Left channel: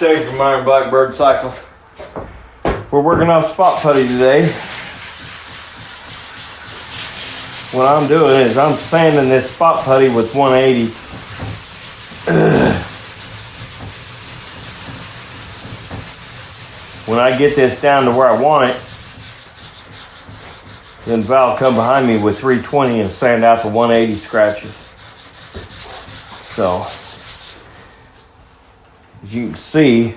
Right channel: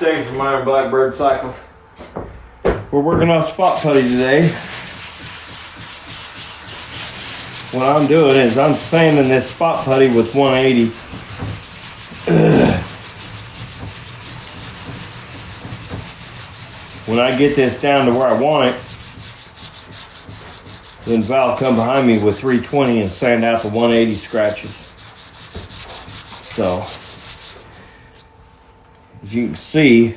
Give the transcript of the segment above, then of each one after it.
Thanks for my Blackbird cycles. We're working off spot putty today. What I'm doing is I'm sanding this spot putty with 180. When I get this down to where I want it, then Val come behind me with 320 and sand out the 180 scratches. So, as you can see,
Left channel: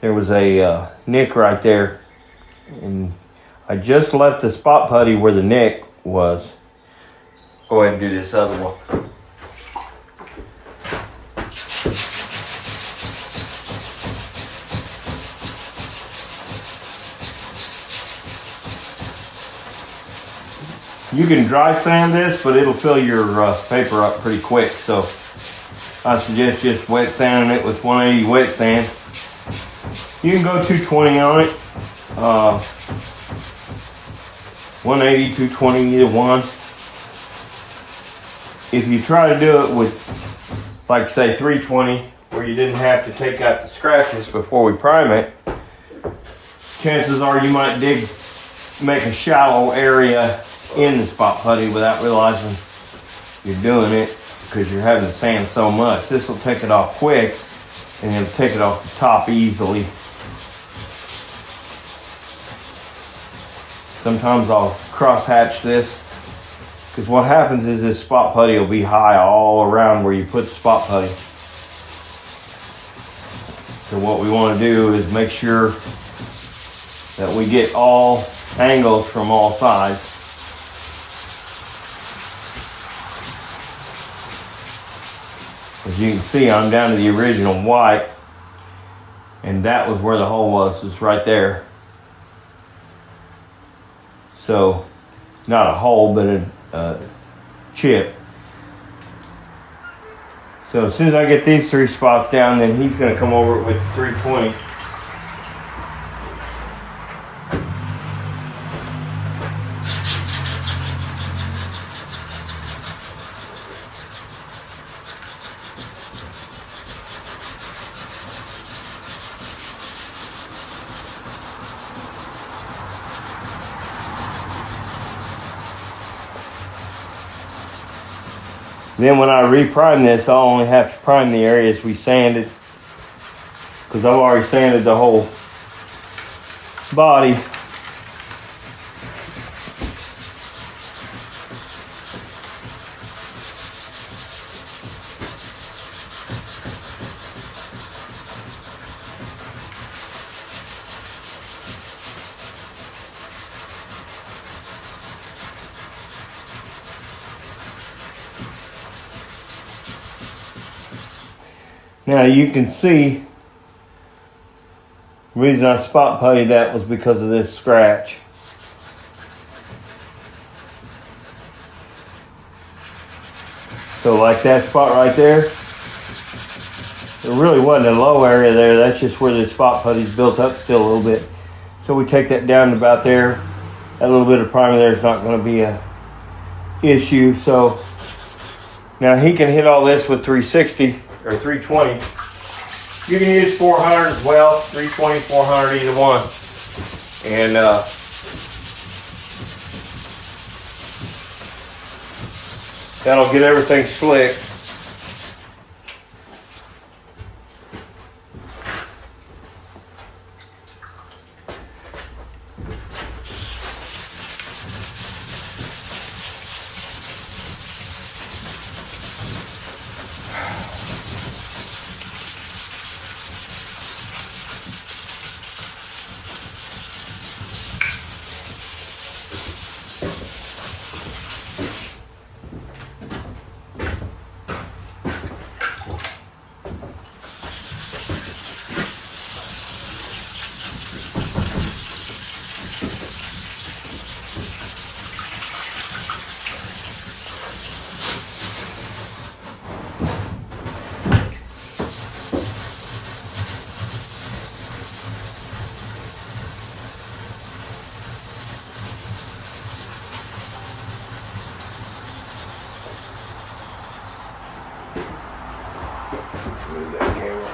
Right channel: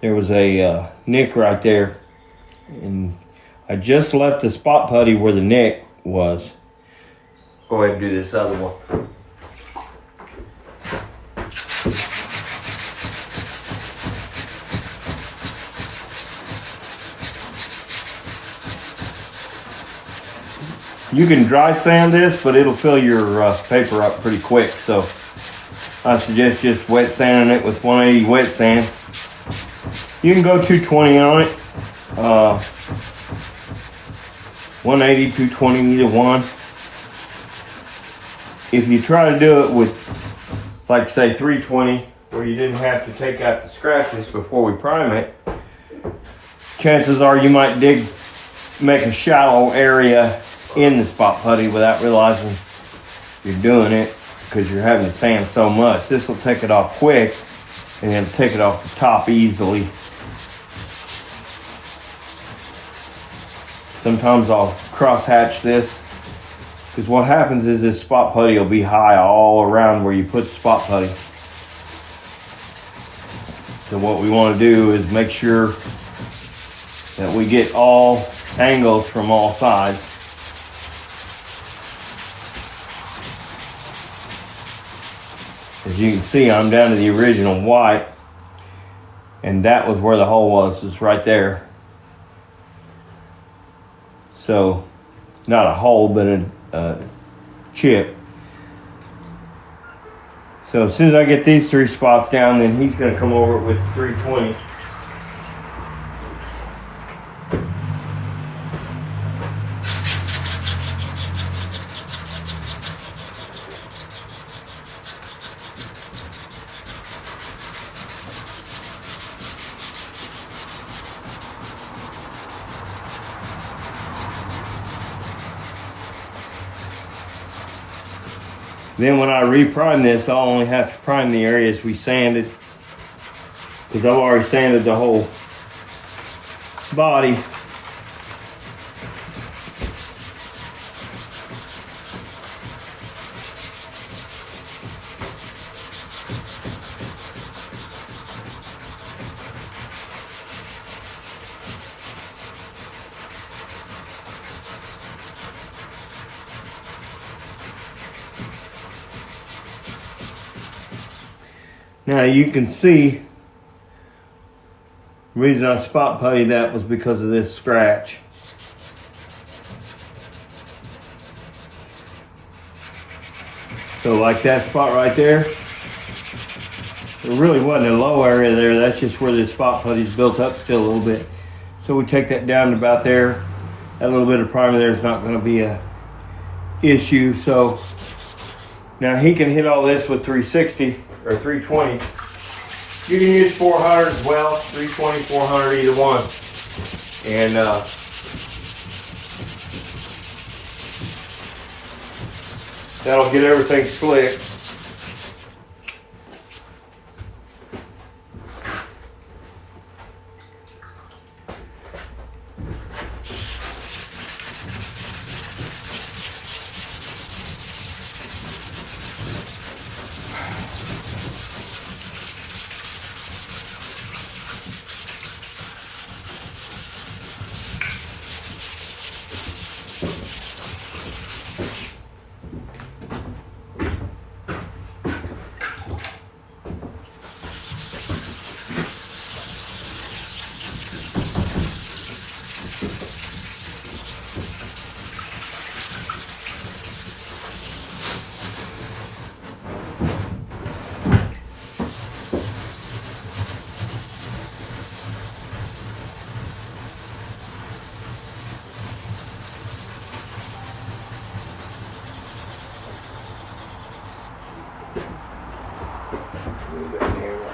there was a nick right there, and I just left the spot putty where the nick was. Go ahead and do this other one. You can dry sand this, but it'll fill your paper up pretty quick. So I suggest just wet sanding it with 180 wet sand. You can go 220 on it. 180, 220, either one. If you try to do it with, like say 320, where you didn't have to take out the scratches before we prime it, chances are you might make a shallow area in the spot putty without realizing you're doing it because you're having to sand so much. This will take it off quick and it'll take it off the top easily. Sometimes I'll cross hatch this because what happens is this spot putty will be high all around where you put the spot putty. So what we want to do is make sure that we get all angles from all sides. As you can see, I'm down to the original white, and that was where the hole was. It's right there. So, not a hole, but a chip. So as soon as I get these three spots down, then he's going to come over with the 320. Then when I reprime this, I'll only have to prime the areas we sanded because I've already sanded the whole body. Now you can see the reason I spot putty that was because of this scratch. So like that spot right there, there really wasn't a low area there. That's just where this spot putty's built up still a little bit. So we take that down to about there. That little bit of primer there is not going to be a issue. So now he can hit all this with 360. Or 320. You can use 400 as well, 320, 400, either one. And that'll get everything slick. Move that camera.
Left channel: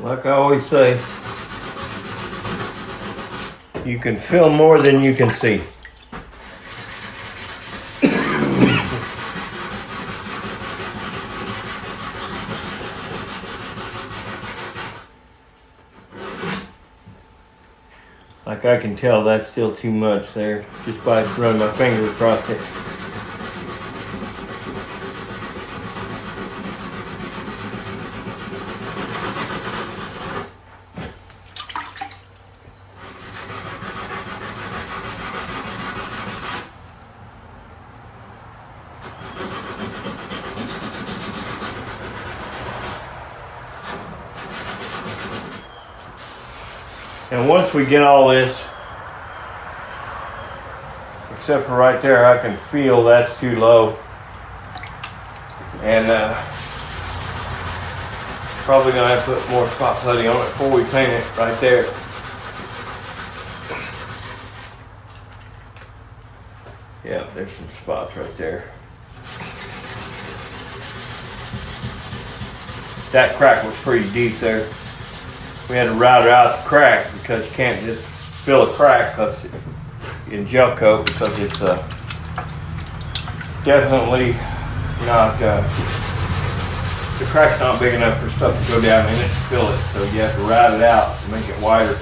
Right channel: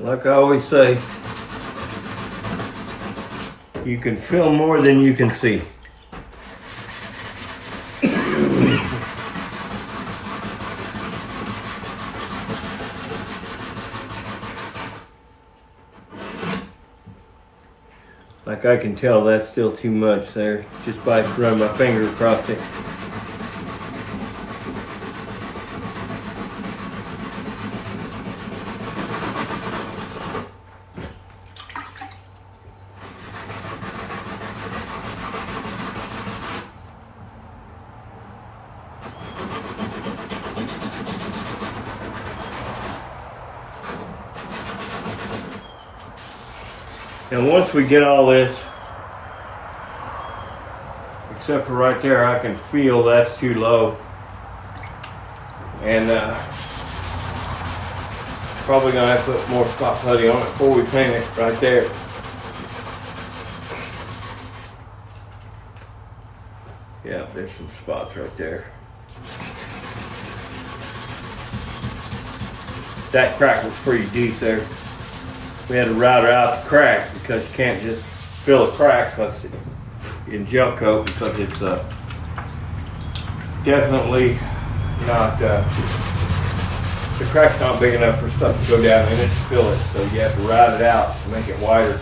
Like I always say, you can film more than you can see. Like I can tell that's still too much there, just by running my finger across it. And once we get all this, except for right there, I can feel that's too low. And probably gonna have to put more spot putty on it before we paint it right there. Yeah, there's some spots right there. That crack was pretty deep there. We had to route out the crack because you can't just fill a crack in gel coat, because it's definitely not, the crack's not big enough for stuff to go down in it to fill it, so you have to route it out to make it wider.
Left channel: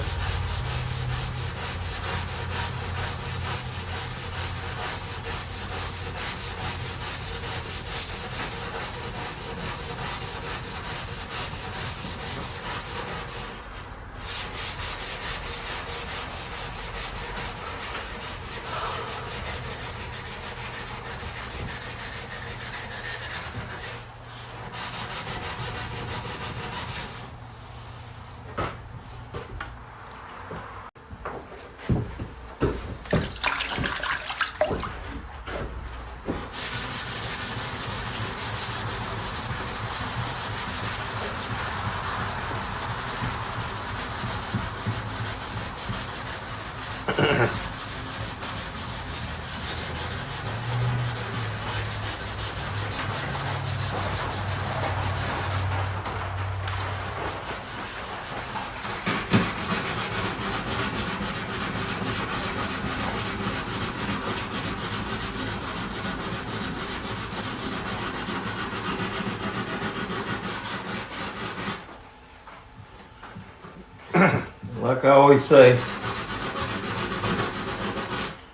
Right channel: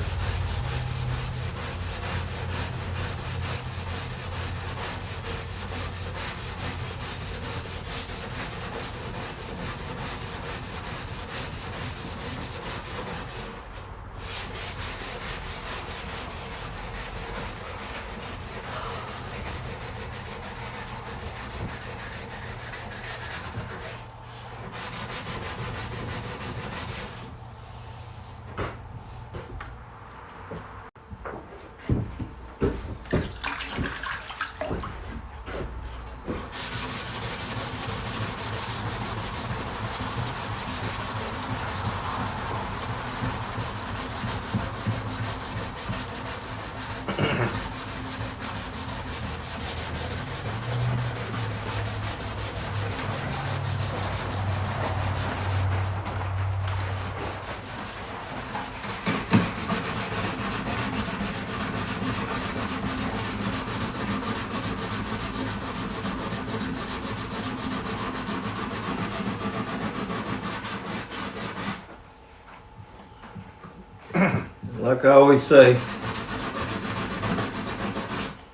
Like I always say,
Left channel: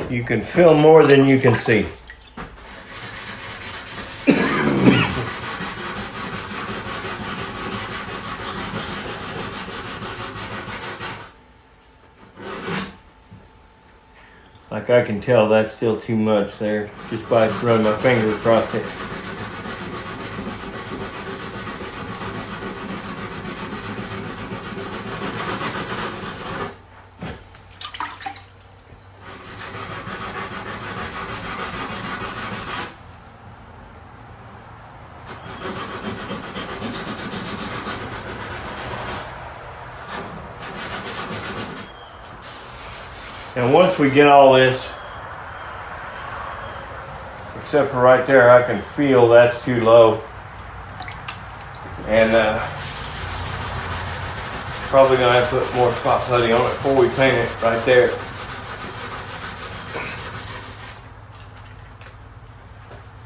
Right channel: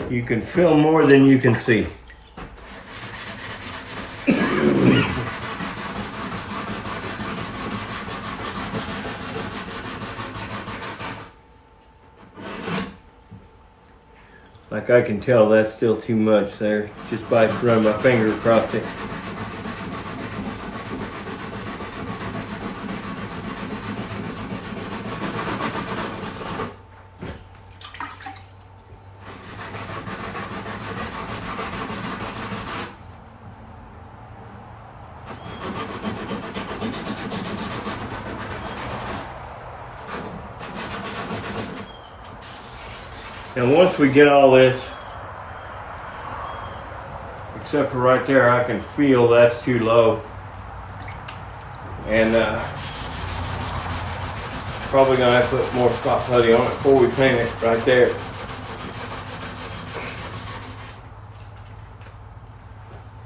you can film more than you can see. Like I can tell that's still too much there, just by running my finger across it. And once we get all this, except for right there, I can feel that's too low. And probably gonna have to put more spot putty on it before we paint it right there.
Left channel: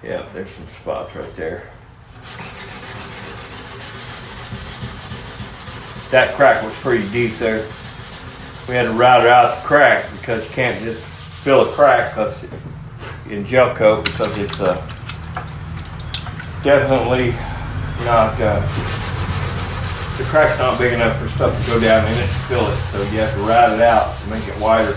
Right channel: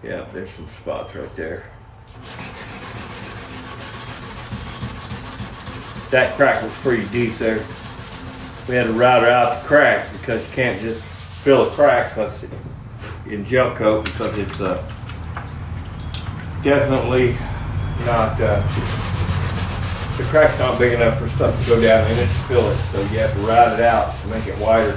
Yeah, there's some spots right there. That crack was pretty deep there. We had to route out the crack because you can't just fill a crack in gel coat, because it's definitely not, the crack's not big enough for stuff to go down in it to fill it, so you have to ride it out to make it wider.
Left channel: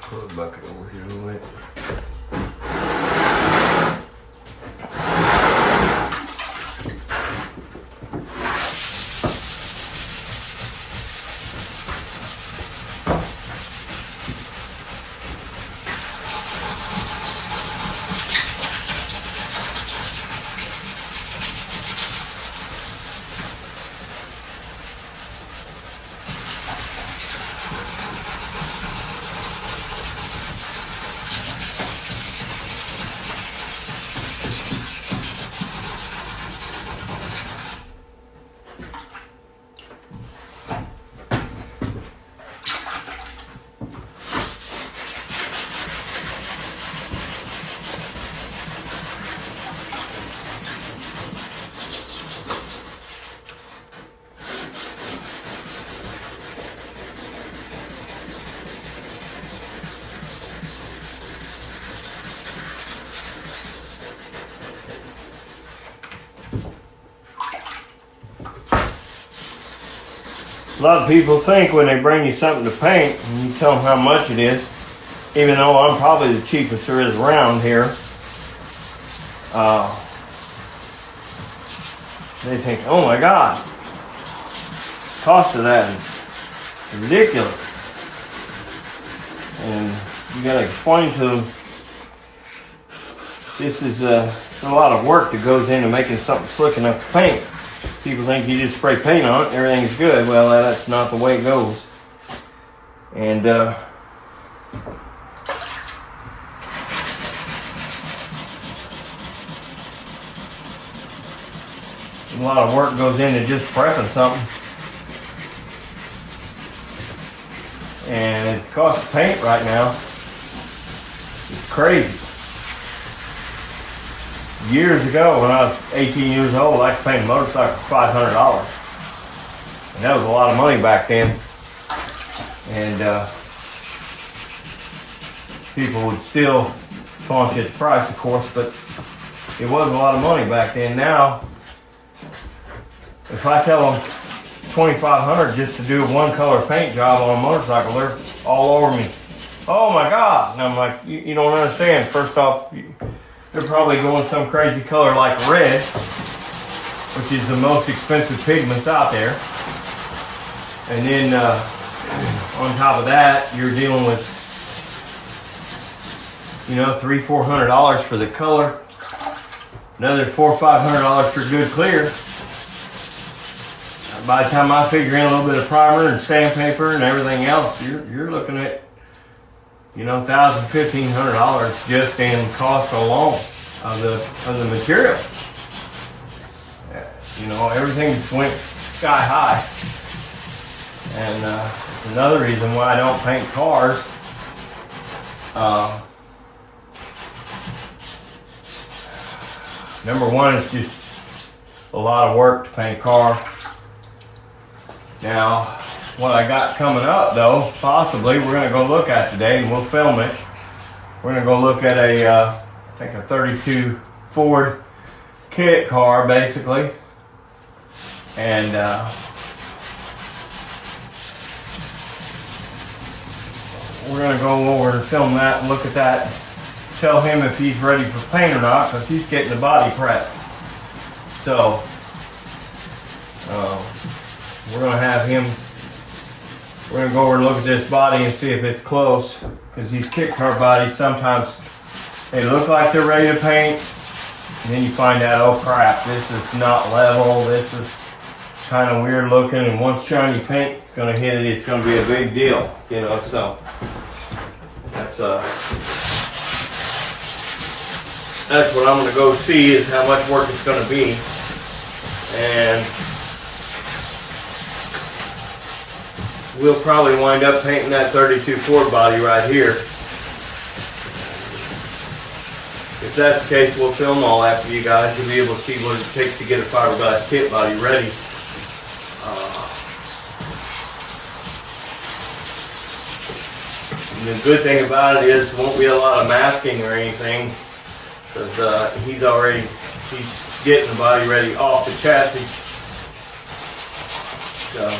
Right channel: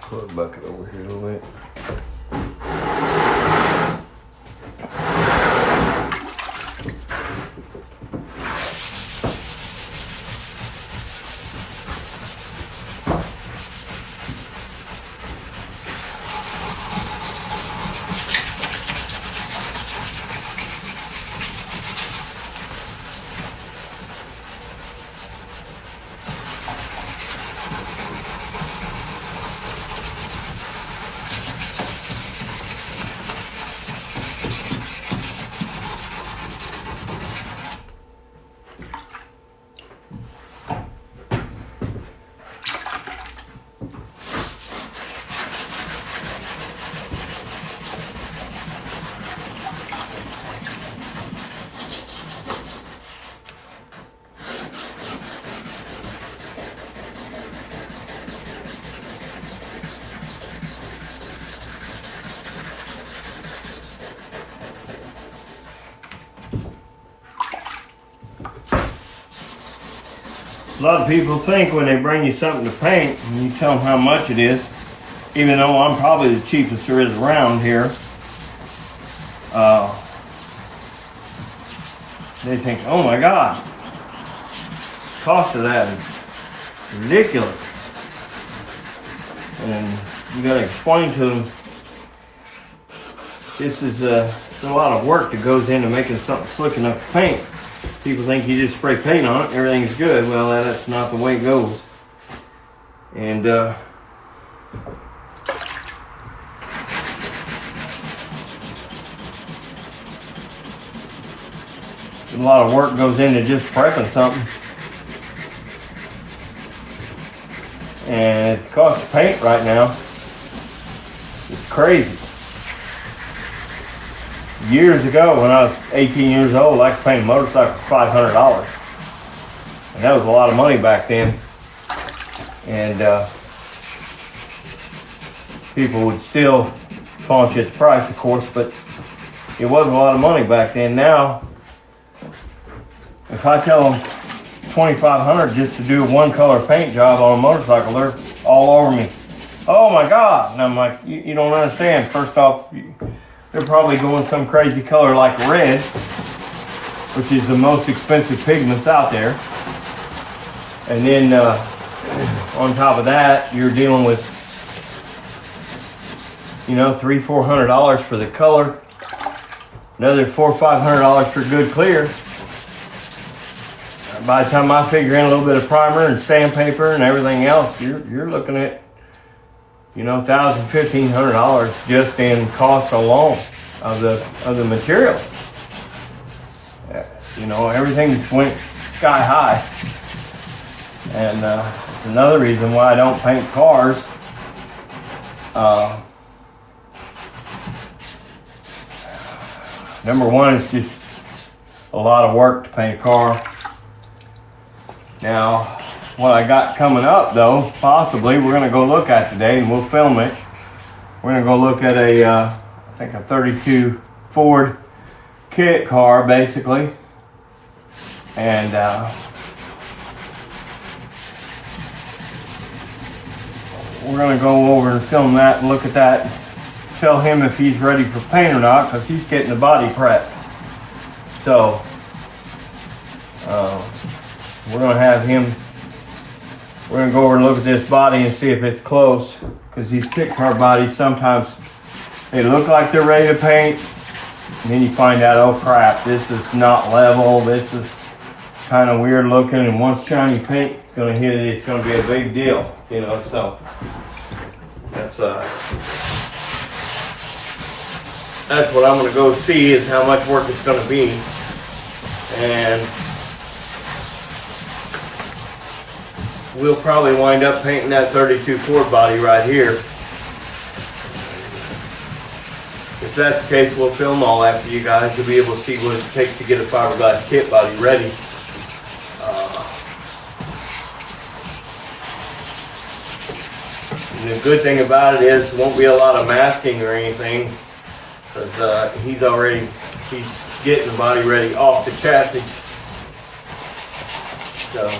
Put a bucket over here a little bit. A lot of people think when they bring you something to paint and you tell them how much it is, even though I'm probably the cheapest there is around here, they think, oh my God, the cost of that is ridiculous. And you gotta explain to them, this is a lot of work that goes into making something slick enough to paint. People think you just spray paint on it and everything's good. Well, that's not the way it goes. And a lot of work goes into just prepping something. And the cost of paint right now is crazy. Years ago, when I was 18 years old, I could paint a motorcycle for $500. And that was a lot of money back then. And people would still taunt you at the price, of course, but it wasn't a lot of money back then. Now, if I tell them $2,500 just to do a one color paint job on a motorcycle, they're all over me. Oh my God. And I'm like, you don't understand. First off, they're probably going some crazy color like red, which is the most expensive pigments out there. And then on top of that, you're dealing with, $300-400 for the color, another $400-500 for good clear. By the time I figure in a little bit of primer and sandpaper and everything else, you're looking at $1,000-1,500 just in cost alone of the material. Everything just went sky high. And another reason why I don't paint cars. Number one, it's just a lot of work to paint a car. Now, what I got coming up though, possibly we're gonna go look at today, and we'll film it. We're gonna go look at I think a 32 Ford kit car, basically. And we're gonna go over and film that and look at that. Tell him if he's ready for paint or not, because he's getting the body prepped. So, we're gonna have him. We're gonna go over and look at this body and see if it's close, because these kit car bodies sometimes they look like they're ready to paint, and then you find out, oh crap, this is not level. This is kind of weird looking, and once shiny paint is gonna hit it, it's gonna be a big deal, So that's that's what I'm going to go see, is how much work it's going to be. And we'll probably wind up painting that 32 Ford body right here. If that's the case, we'll film all that for you guys to be able to see what it takes to get a fiberglass kit body ready. And the good thing about it is there won't be a lot of masking or anything, because he's getting the body ready off the chassis. So.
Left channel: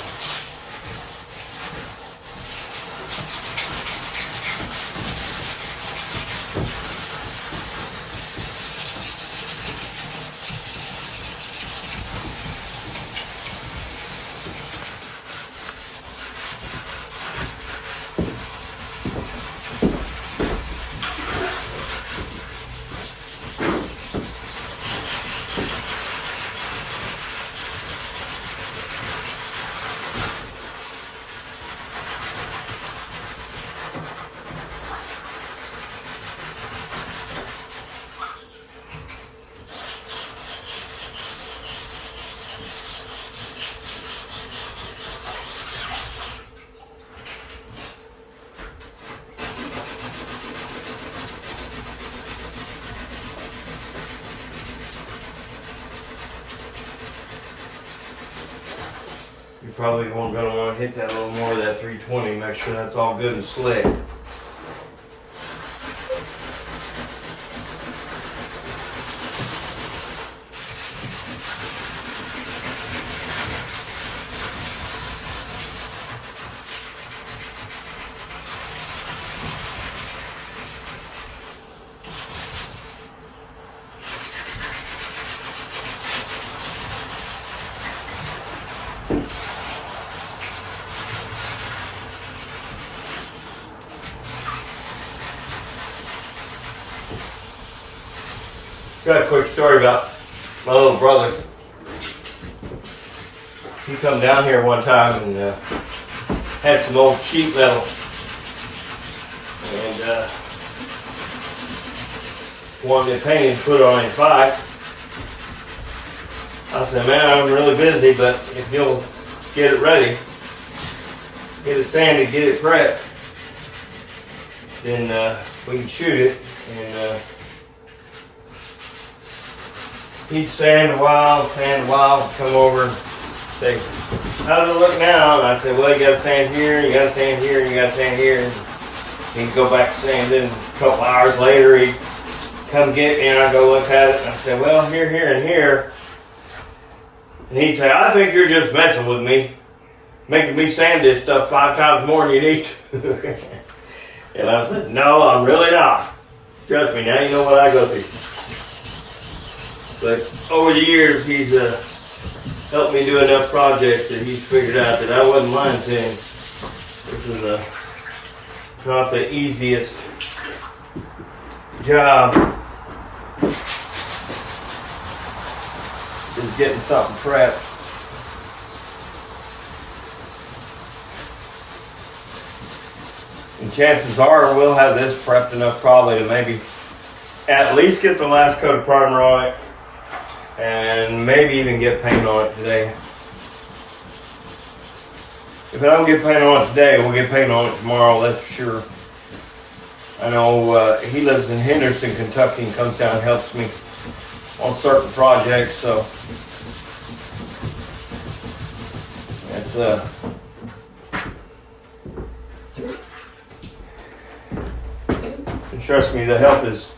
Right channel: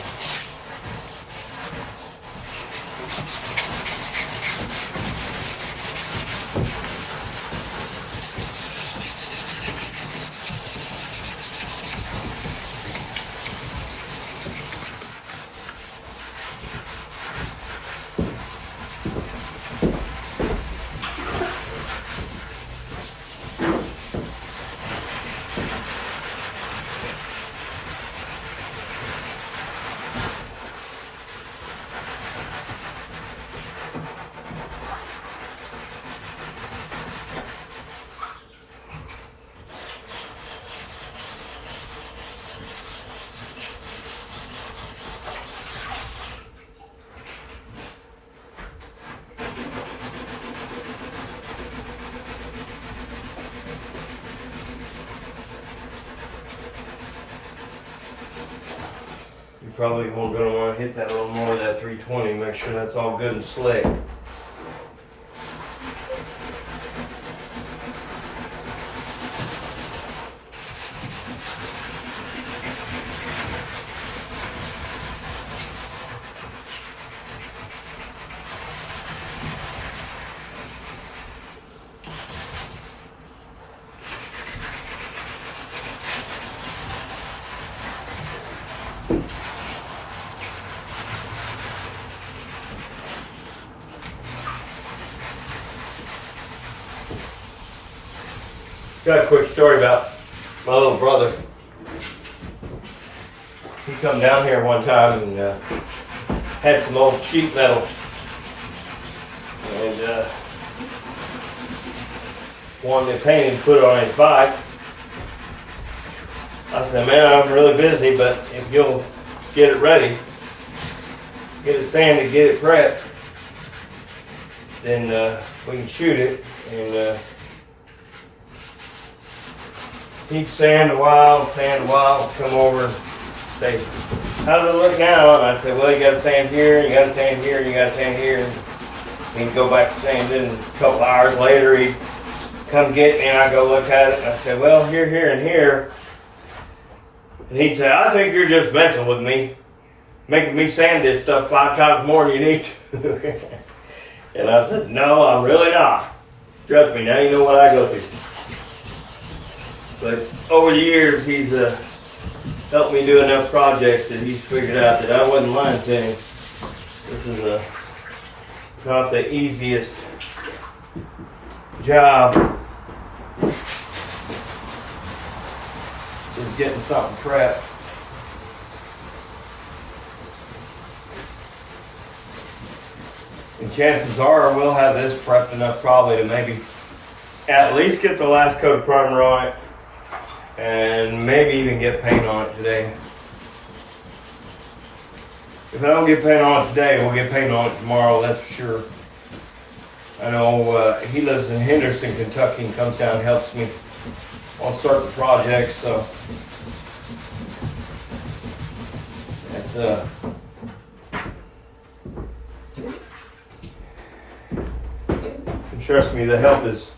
You're probably going to want to hit that a little more of that 320, make sure that's all good and slick. Got a quick story about my little brother. He come down here one time and had some old sheet metal, and wanted it painted and put on his bike. I said, man, I'm really busy, but if you'll get it ready, get it sanded, get it prepped, then we can shoot it. And he'd sand a while, come over and say, how does it look now? And I'd say, well, you got to sand here, you got to sand here, you got to sand here. And he'd go back to sanding, and a couple hours later, he'd come get me, and I'd go look at it, and I'd say, well, here, here, and here. And he'd say, I think you're just messing with me, making me sand this stuff 5 times more than you need to. And I said, no, I'm really not. Trust me, now you know what I go through. But over the years, he's helped me do enough projects that he's figured out that I wasn't lying to him. This is not the easiest job, is getting something prepped. And chances are we'll have this prepped enough probably to maybe at least get the last coat of primer on it, and maybe even get paint on it today. If I don't get paint on it today, we'll get paint on it tomorrow, that's for sure. I know he lives in Henderson, Kentucky, and comes down and helps me on certain projects, so it's and trust me, the help is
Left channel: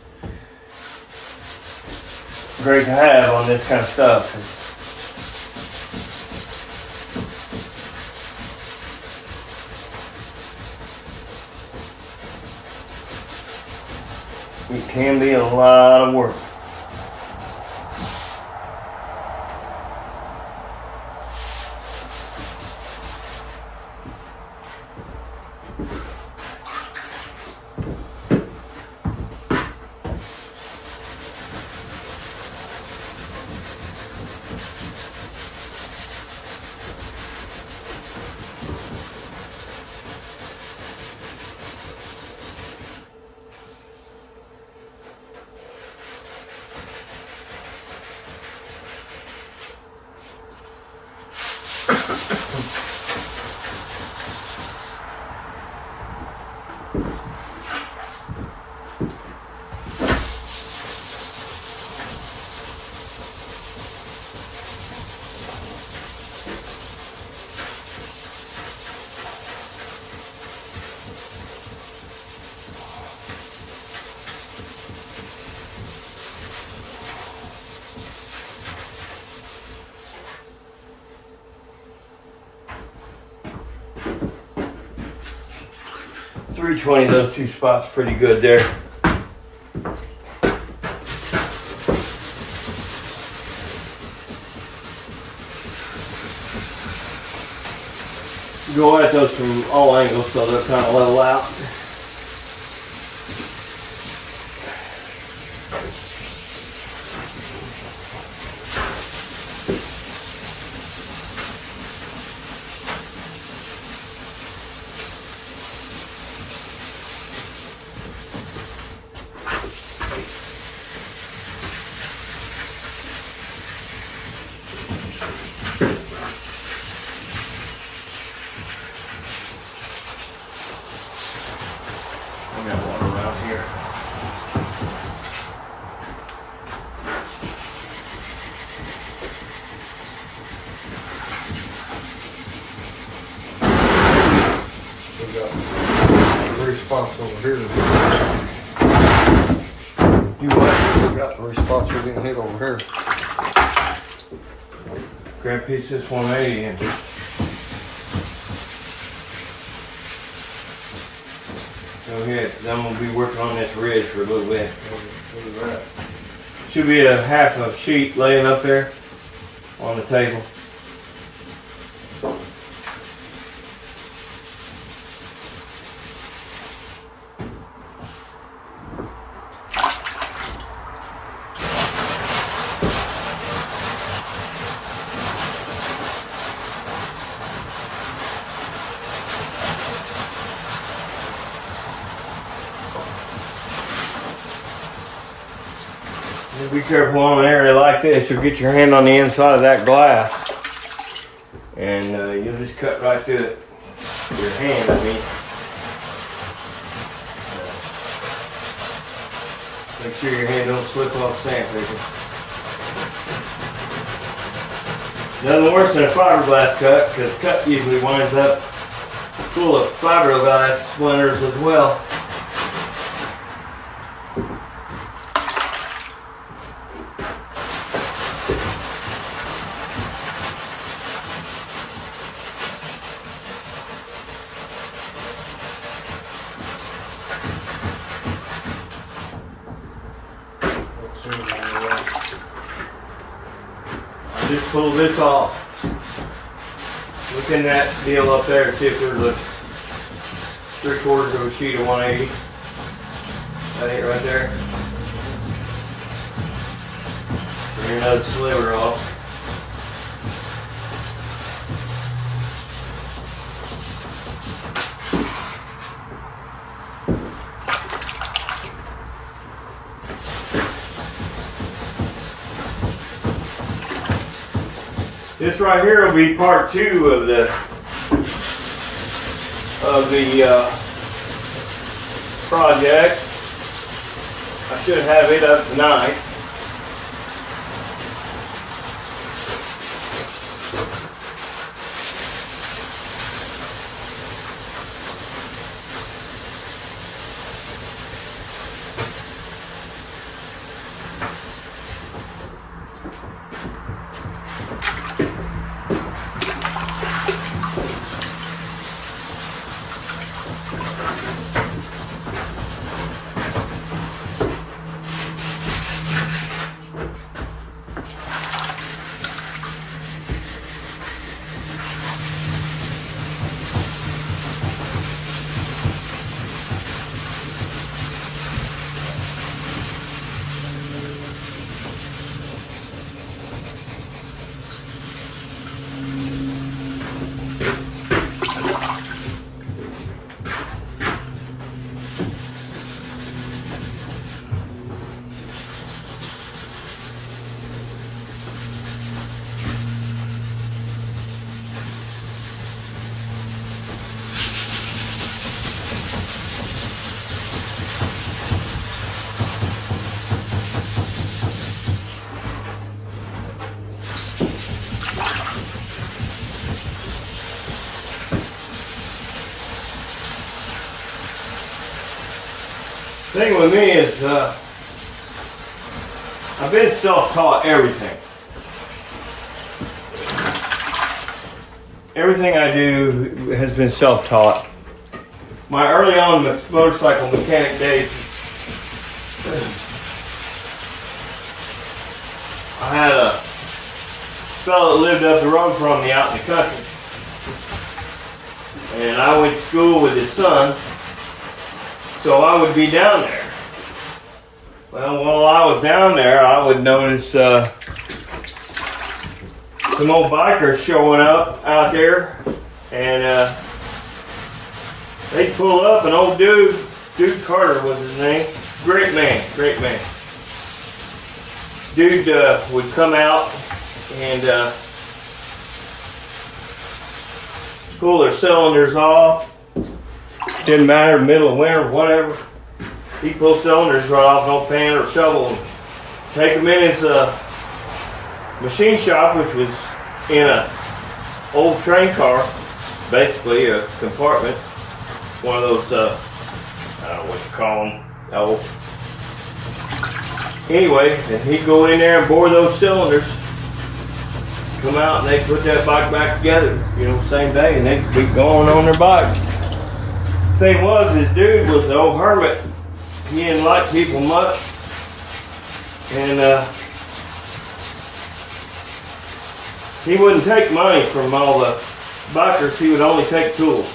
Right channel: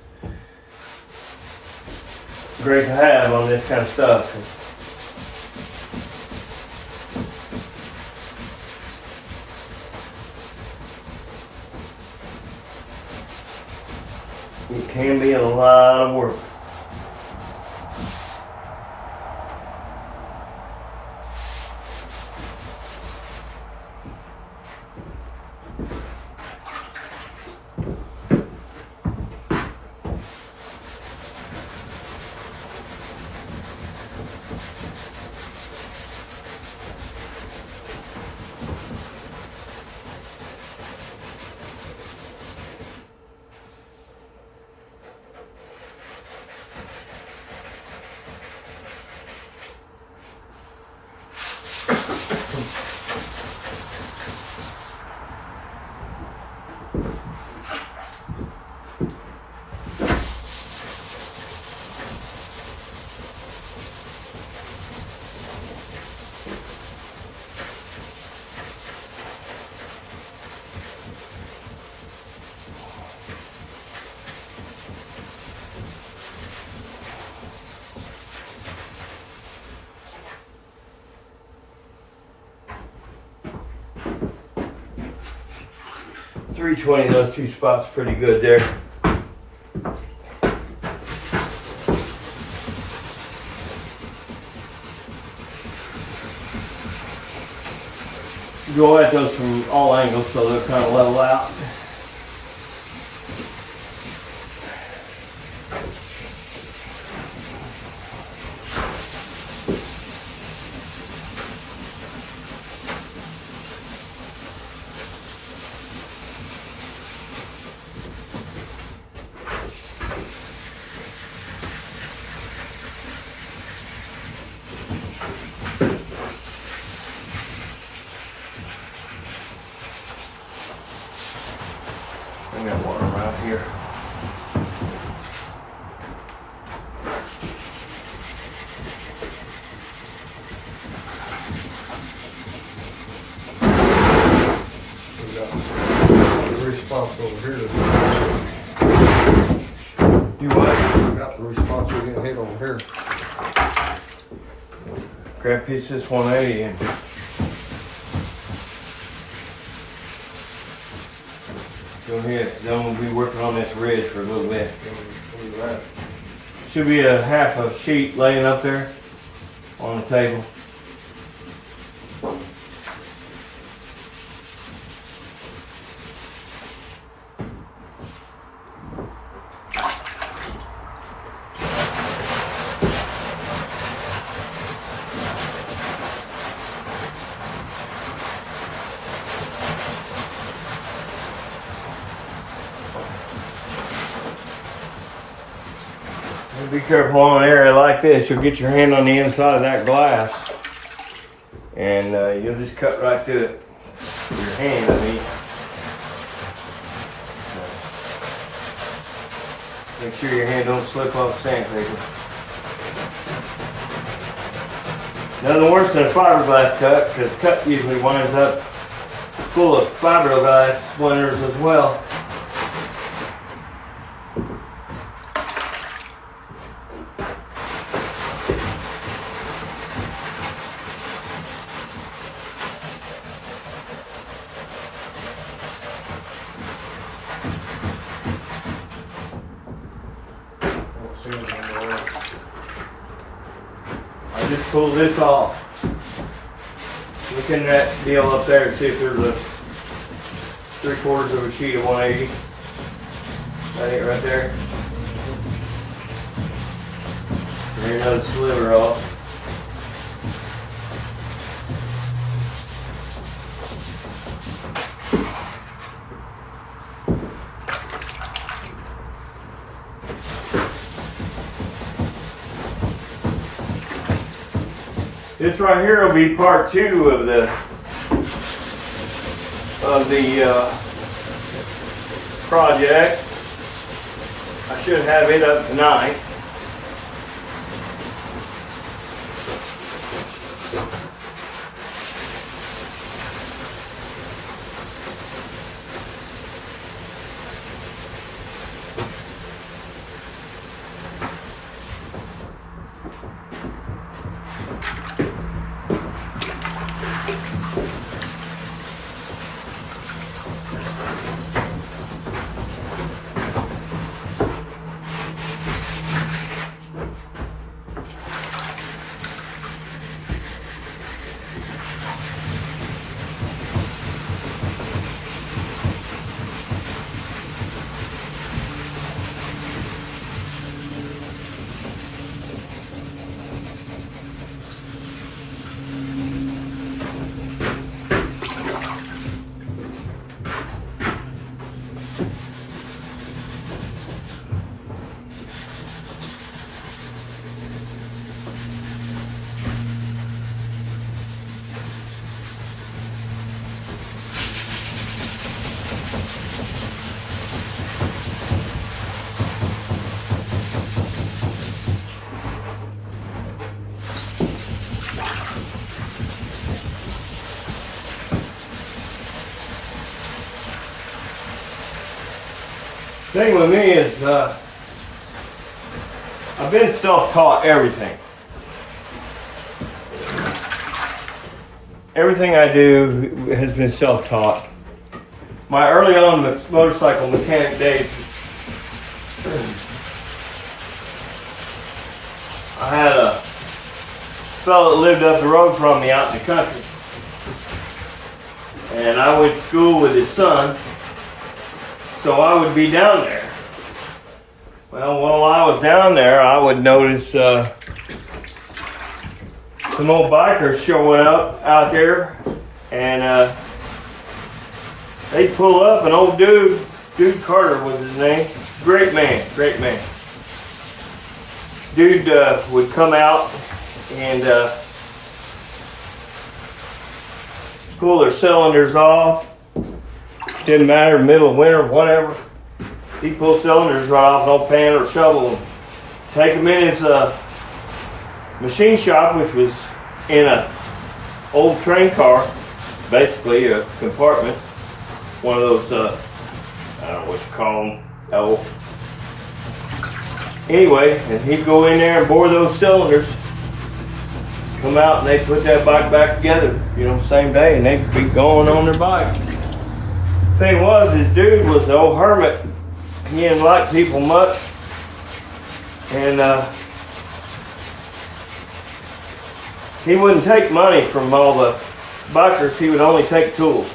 great to have on this kind of stuff. It can be a lot of work. 320, those two spots pretty good there. Go at those from all angles so they'll kind of level out. We got one around here. We got the response over here. You what? We got the response we didn't hit over here. Grab a piece of this 180 and go ahead. Then we'll be working on this ridge for a little bit. Look at that. Should be a half a sheet laying up there on the table. Be careful on an area like this. You'll get your hand on the inside of that glass, and you'll just cut right through it. Your hand, I mean. Make sure your hand don't slip off sandpaper. Nothing worse than a fiberglass cut, because cut usually winds up full of fiberglass splinters as well. Just pull this off. Look in that deal up there and see if there's a 3/4 of a sheet of 180. That ain't right there. And another sliver off. This right here will be part 2 of the project. I should have it up tonight. Thing with me is I've been self-taught everything. Everything I do has been self-taught. my early on motorcycle mechanic days, I had a fellow that lived up the road from me out in the country. And I went to school with his son, so I would be down there. Well, while I was down there, I would notice some old bikers showing up out there, and they'd pull up. An old dude Carter was his name. Great man. Dude would come out and pull their cylinders off. Didn't matter, middle of winter, whatever. He'd pull cylinders right off, no pan or shovel, and take them in his machine shop, which was in a old train car, basically a compartment. One of those, I don't know what you call them. Anyway, and he'd go in there and bore those cylinders, come out, and they'd put that bike back together, same day, and they'd be going on their bike. Thing was, this dude was an old hermit. He didn't like people much, and he wouldn't take money from all the bikers. He would only take tools.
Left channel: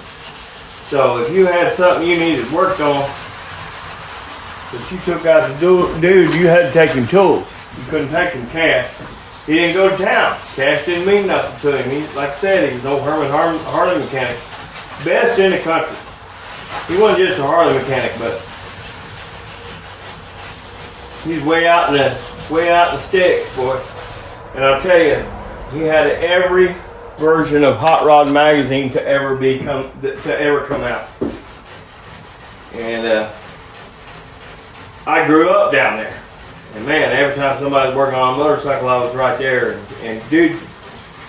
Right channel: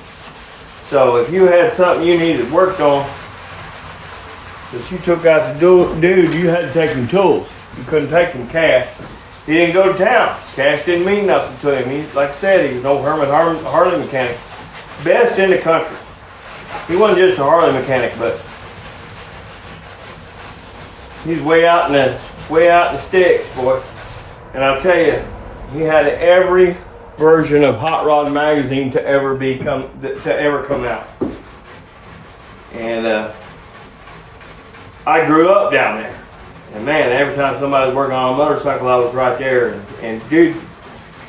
So if you had something you needed worked on that you took out the dude, you had to take him tools. You couldn't take him cash. He didn't go to town. Cash didn't mean nothing to him. He, like I said, he's no hermit Harley mechanic. Best in the country. He wasn't just a Harley mechanic, but he's way out in the sticks, boy. And I'll tell you, he had every version of Hot Rod magazine to ever come out. And I grew up down there. And man, every time somebody was working on a motorcycle, I was right there. And dude,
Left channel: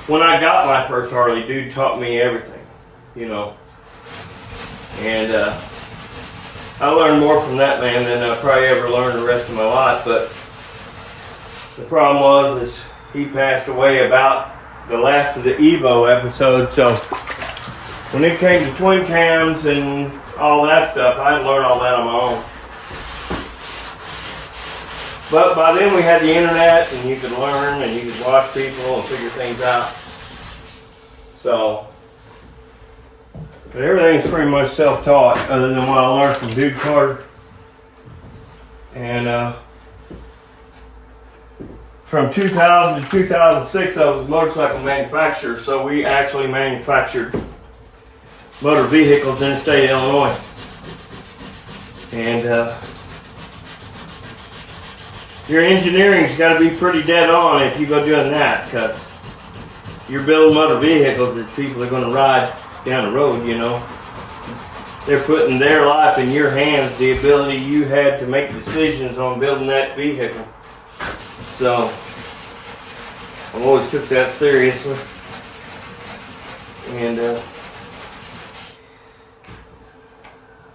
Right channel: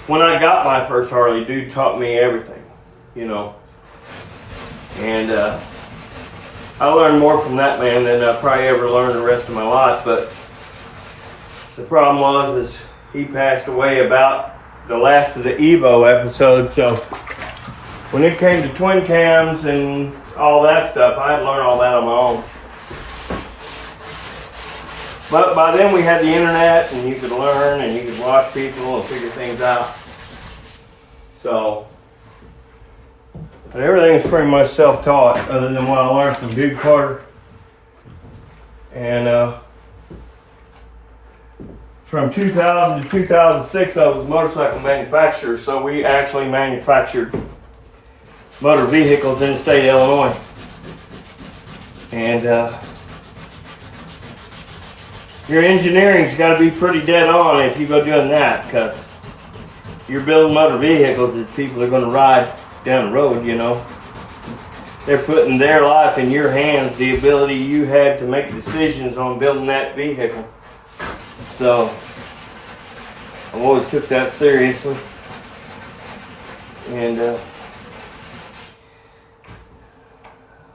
when I got my first Harley, dude taught me everything, And I learned more from that man than I probably ever learned the rest of my life. But the problem was he passed away about the last of the Evo episode. So when it came to twin cams and all that stuff, I had to learn all that on my own. But by then we had the internet, and you could learn, and you could watch people and figure things out. So, but everything's pretty much self-taught, other than what I learned from Dude Carter. And from 2000 to 2006, I was a motorcycle manufacturer, so we actually manufactured motor vehicles in the state of Illinois. And your engineering's got to be pretty dead on if you go doing that, because you're building motor vehicles that people are going to ride down the road, They're putting their life in your hands, the ability you had to make decisions on building that vehicle. So, I always took that seriously. And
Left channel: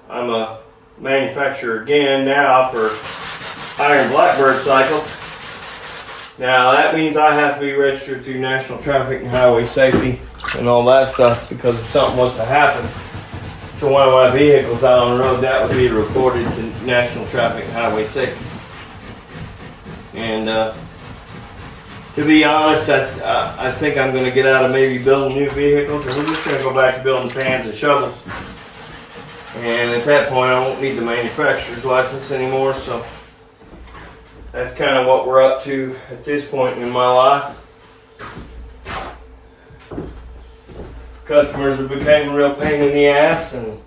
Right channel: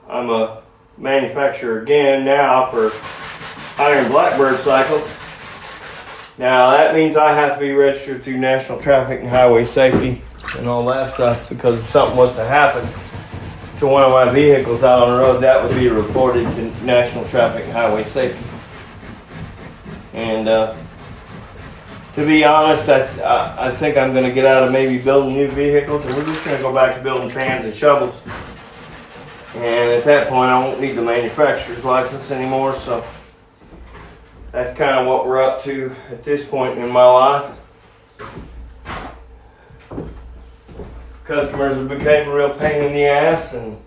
I'm a manufacturer again now for Iron Blackbird cycles. Now that means I have to be registered through National Traffic and Highway Safety and all that stuff, because if something was to happen to one of my vehicles out on the road, that would be reported to National Traffic and Highway Safety. And to be honest, I think I'm going to get out of maybe building new vehicles, and we're just going to go back to building pans and shovels. And at that point, I won't need the manufacturer's license anymore, so that's kind of what we're up to at this point in my life. Customers have become a real pain in the ass, and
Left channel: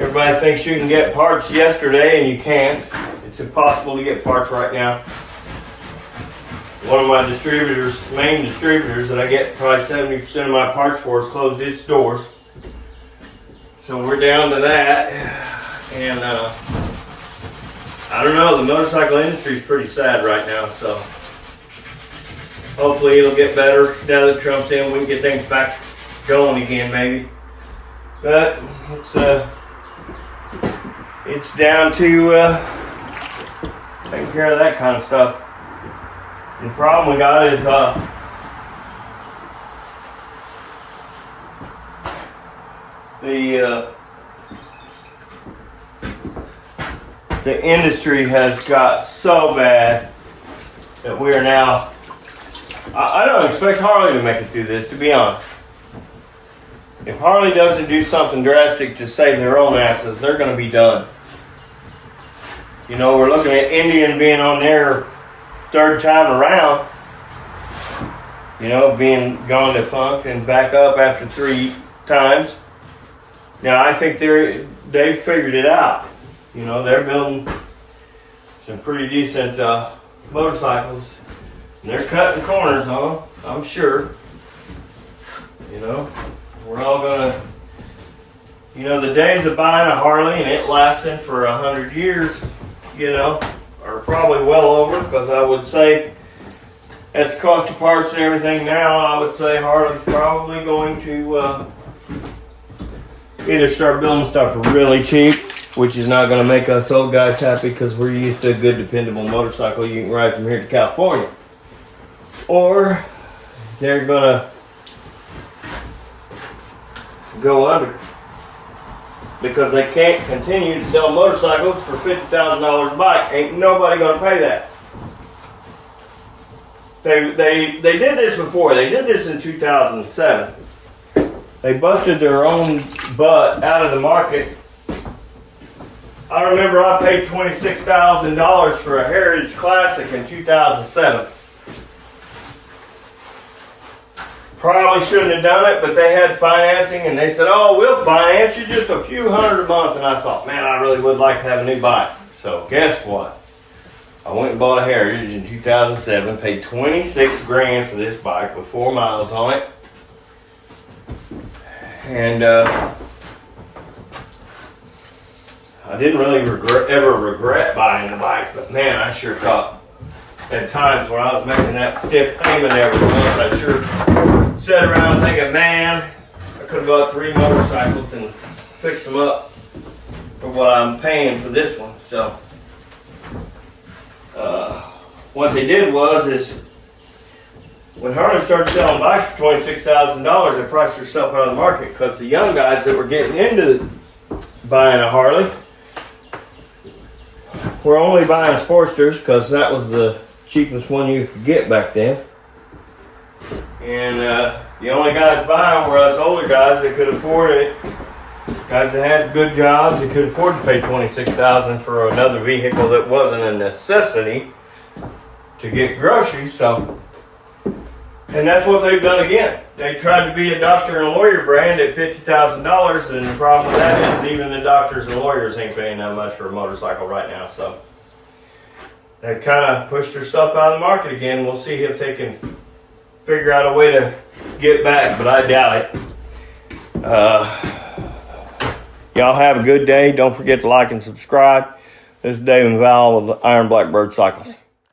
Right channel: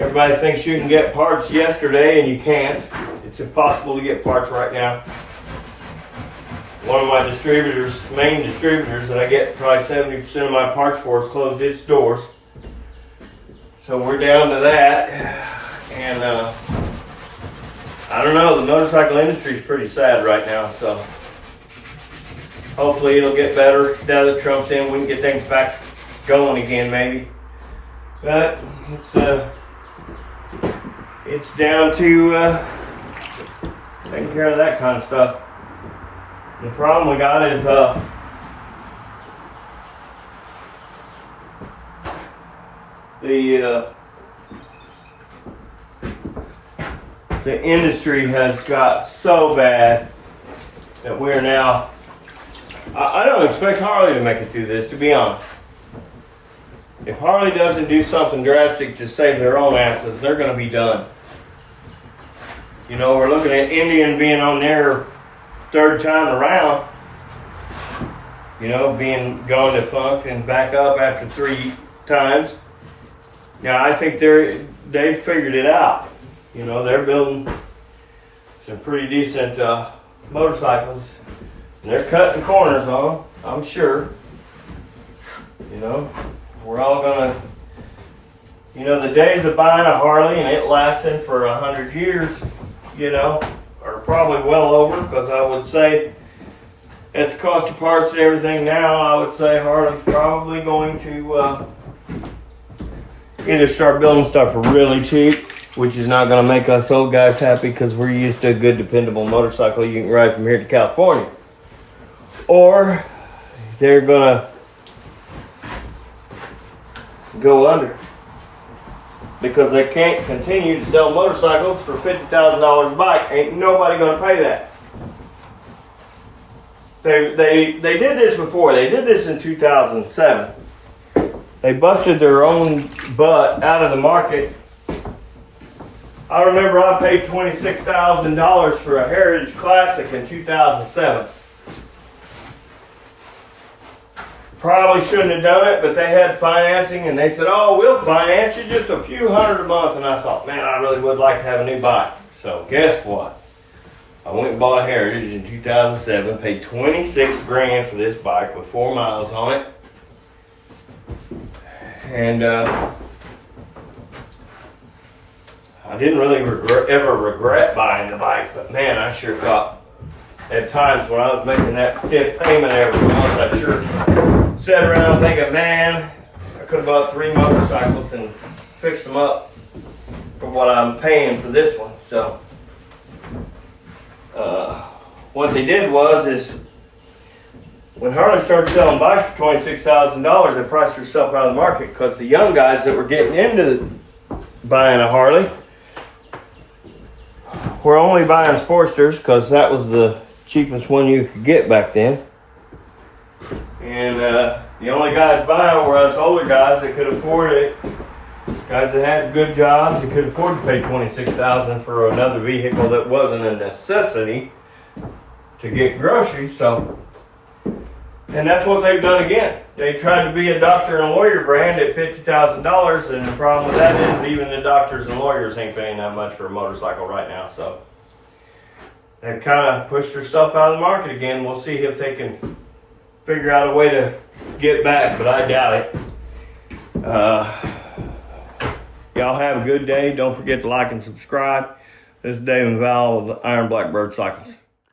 everybody thinks you can get parts yesterday, and you can't. It's impossible to get parts right now. One of my main distributors that I get probably 70% of my parts for, has closed its doors. So we're down to that, and I don't know, the motorcycle industry is pretty sad right now, so hopefully it'll get better now that Trump's in. We can get things back going again, maybe. But it's down to taking care of that kind of stuff. The problem we got is the the industry has got so bad that we're now, I don't expect Harley to make it through this, to be honest. If Harley doesn't do something drastic to save their own asses, they're going to be done. You know, we're looking at Indian being on their third time around. You know, being gone to funk and back up after 3 times. Now, I think they've figured it out. You know, they're building some pretty decent motorcycles. And they're cutting corners on them, I'm sure. You know, we're all gonna, you know, the days of buying a Harley and it lasting for 100 years, you know, are probably well over, because I would say at the cost of parts and everything now, I would say Harley's probably going to either start building stuff really cheap, which is not going to make us old guys happy because we're used to a good, dependable motorcycle you can ride from here to California, or they're going to go under because they can't continue to sell motorcycles for $50,000 a bike. Ain't nobody going to pay that. They did this before. They did this in 2007. They busted their own butt out of the market. I remember I paid $26,000 for a Heritage Classic in 2007. Probably shouldn't have done it, but they had financing and they said, oh, we'll finance you just a few hundred a month. And I thought, man, I really would like to have a new bike. So guess what? I went and bought a Heritage in 2007, paid 26 grand for this bike with 4 miles on it. And I didn't really ever regret buying the bike, but man, I sure thought at times when I was making that stiff payment every month, I sure sat around thinking, man, I could have bought 3 motorcycles and fixed them up for what I'm paying for this one. So what they did is when Harley started selling bikes for $26,000, they priced herself out of the market because the young guys that were getting into buying a Harley were only buying Sportsters because that was the cheapest one you could get back then. And the only guys buying were us older guys that could afford it. Guys that had good jobs that could afford to pay $26,000 for another vehicle that wasn't a necessity to get groceries. So, and that's what they've done again. They tried to be a doctor and lawyer brand at $50,000, and the problem with that is even the doctors and lawyers ain't paying that much for a motorcycle right now. So they've kind of pushed their stuff out of the market again. We'll see if they can figure out a way to get back, but I doubt it. Y'all have a good day. Don't forget to like and subscribe. This is Dave and Val with Iron Blackbird Cycles.